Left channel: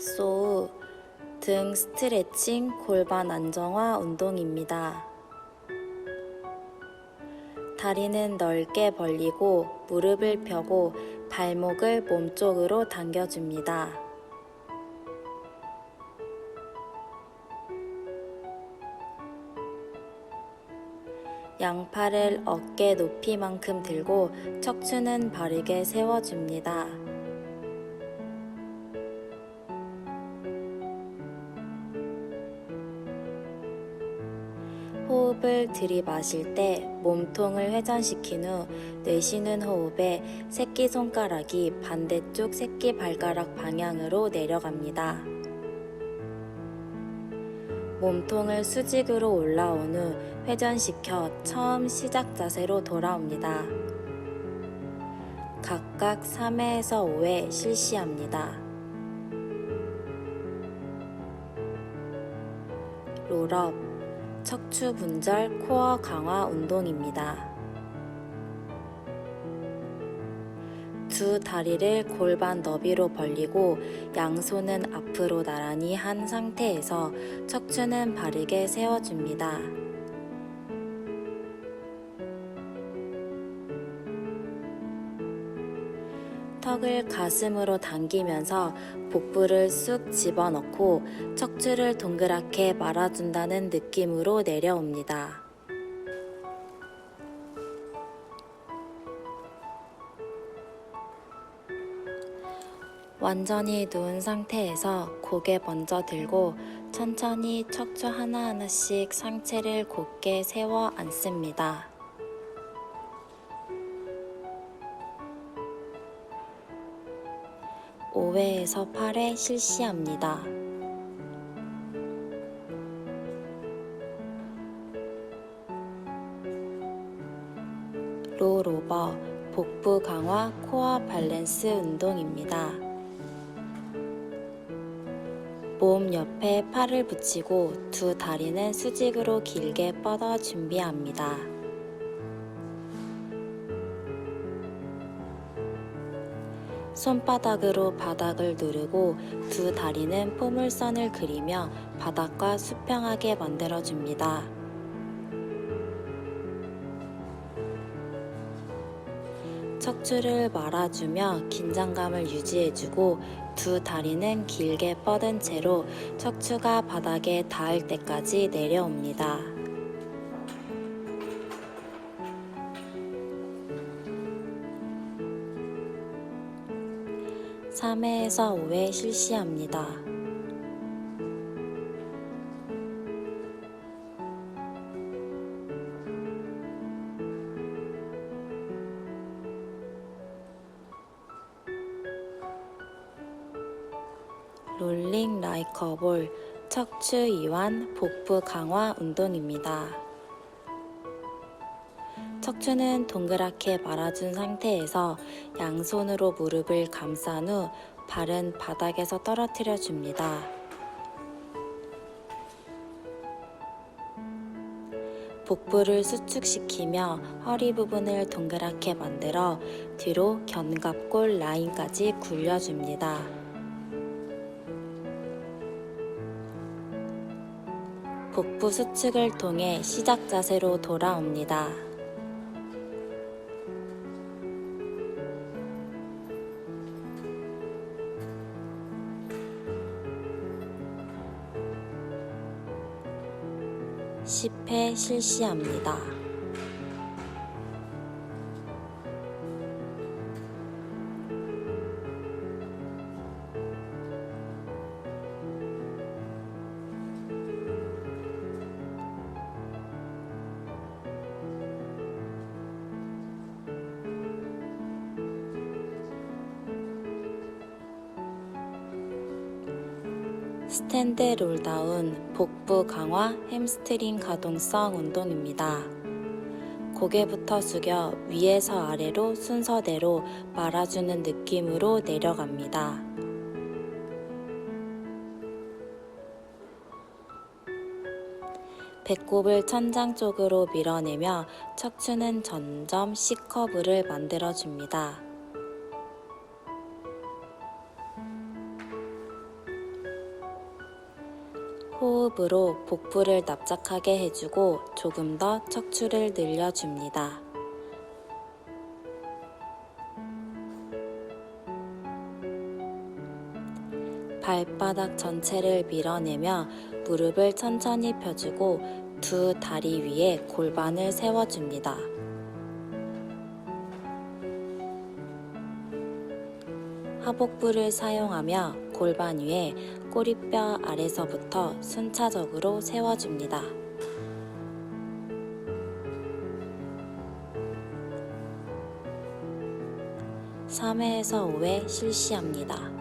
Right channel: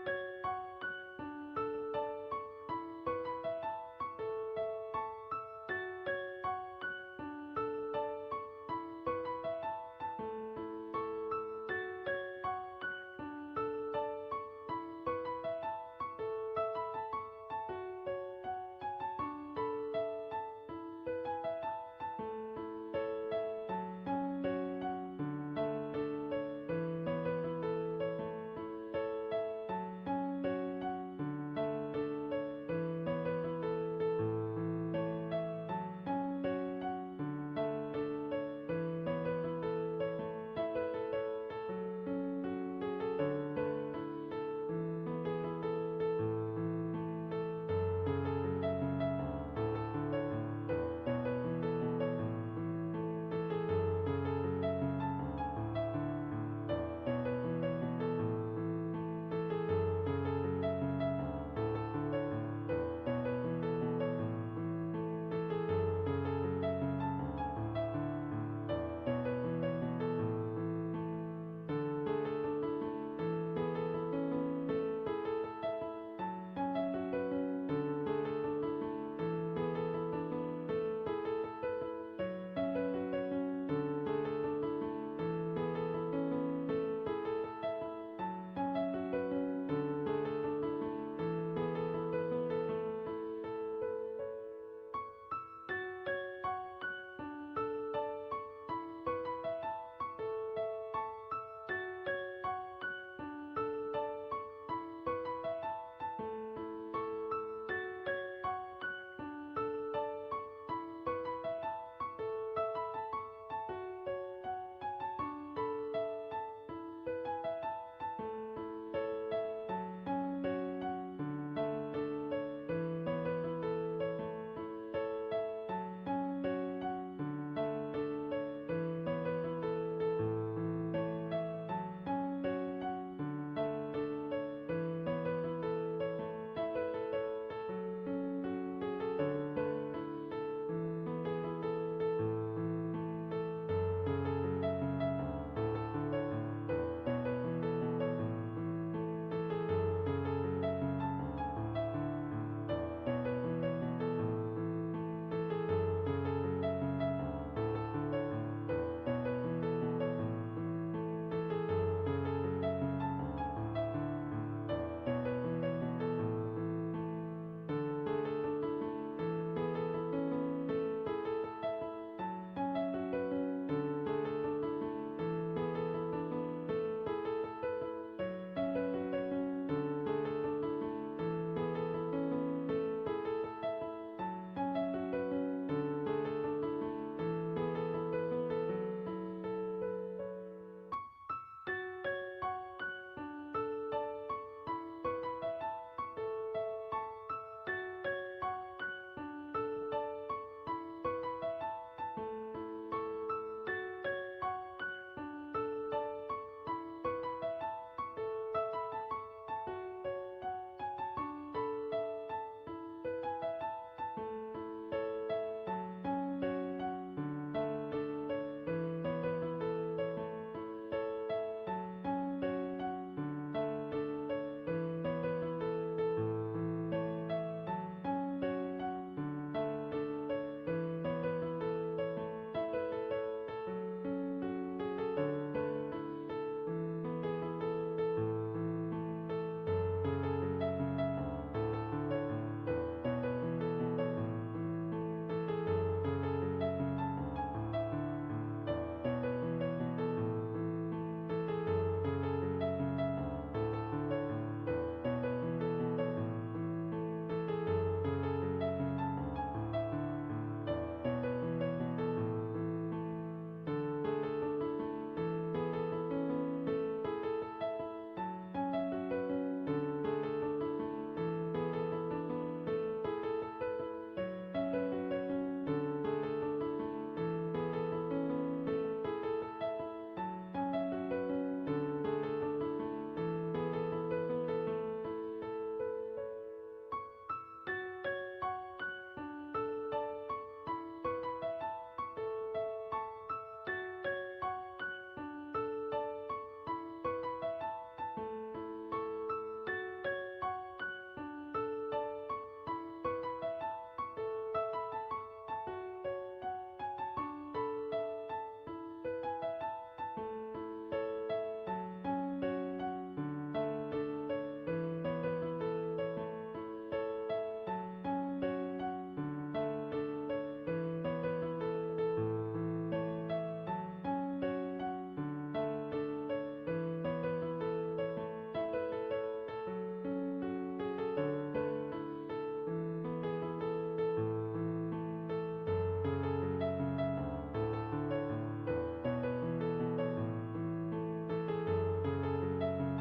소우 등 스트레칭 골반 안정화 운동입니다. 다리는 넓게 벌리고 무릎을 펴고 발목을 몸쪽으로 당겨줍니다. 양팔을 어깨 높이만큼 들고 척추는 바르게 세워줍니다. 호흡을 들이마실 때 몸통을 회전시킨 후 내쉬는 호흡에 새끼손가락이 반대쪽 새끼발가락 방향으로 내려갑니다. 몸통을 수직으로 올라온 후 회전시켜 처음 시작 자세로 돌아옵니다. 각각 3회에서 5회 실시합니다. 롤업 척추 분절 코어 강화 운동입니다. 두 다리를 골반 너비로 벌리고 양손은 앞으로 나란히 한 상태에서 척추는 바르게 세워줍니다. 턱을 가슴으로 당기면서 복부를 쑥 집어넣고 척추를 동그랗게 말아준다는 느낌으로 내려옵니다. 완전히 누운 상태에서 고개 먼저 들고 천천히 척추 하나하나씩 상체를 곧게 세워 앉습니다. 오회에서 8회 실시합니다. 롤오버 복부 강화 코어 밸런스 운동입니다. 몸 옆에 팔을 붙이고 두 다리는 수직으로 길게 뻗어 준비합니다. 손바닥으로 바닥을 누르고 두 다리는 포물선을 그리며 바닥과 수평하게 만들어줍니다. 척추를 말아주며 긴장감을 유지해주고 두 다리는 길게 뻗은 채로 척추가 바닥에 닿을 때까지 내려옵니다. 삼회에서 5회 실시합니다. 롤링 라이커볼 척추 이완 복부 강화 운동입니다. 척추는 동그랗게 말아준 상태에서 양손으로 무릎을 감싼 후 발은 바닥에서 떨어뜨려 줍니다. 복부를 수축시키며 허리 부분을 동그랗게 만들어 뒤로 견갑골 라인까지 굴려줍니다. 복부 수축을 통해 시작 자세로 돌아옵니다. 십회 실시합니다. 스탠드 롤다운 복부 강화 햄스트링 가동성 운동입니다. 고개부터 숙여 위에서 아래로 순서대로 말아주는 느낌으로 내려갑니다. 배꼽을 천장 쪽으로 밀어내며 척추는 점점 C커브를 만들어줍니다. 호흡으로 복부를 납작하게 해주고 조금 더 척추를 늘려줍니다. 발바닥 전체를 밀어내며 무릎을 천천히 펴주고 두 다리 위에 골반을 세워줍니다. 하복부를 사용하며 골반 위에 꼬리뼈 아래서부터 순차적으로 세워줍니다. 3회에서 5회 실시합니다.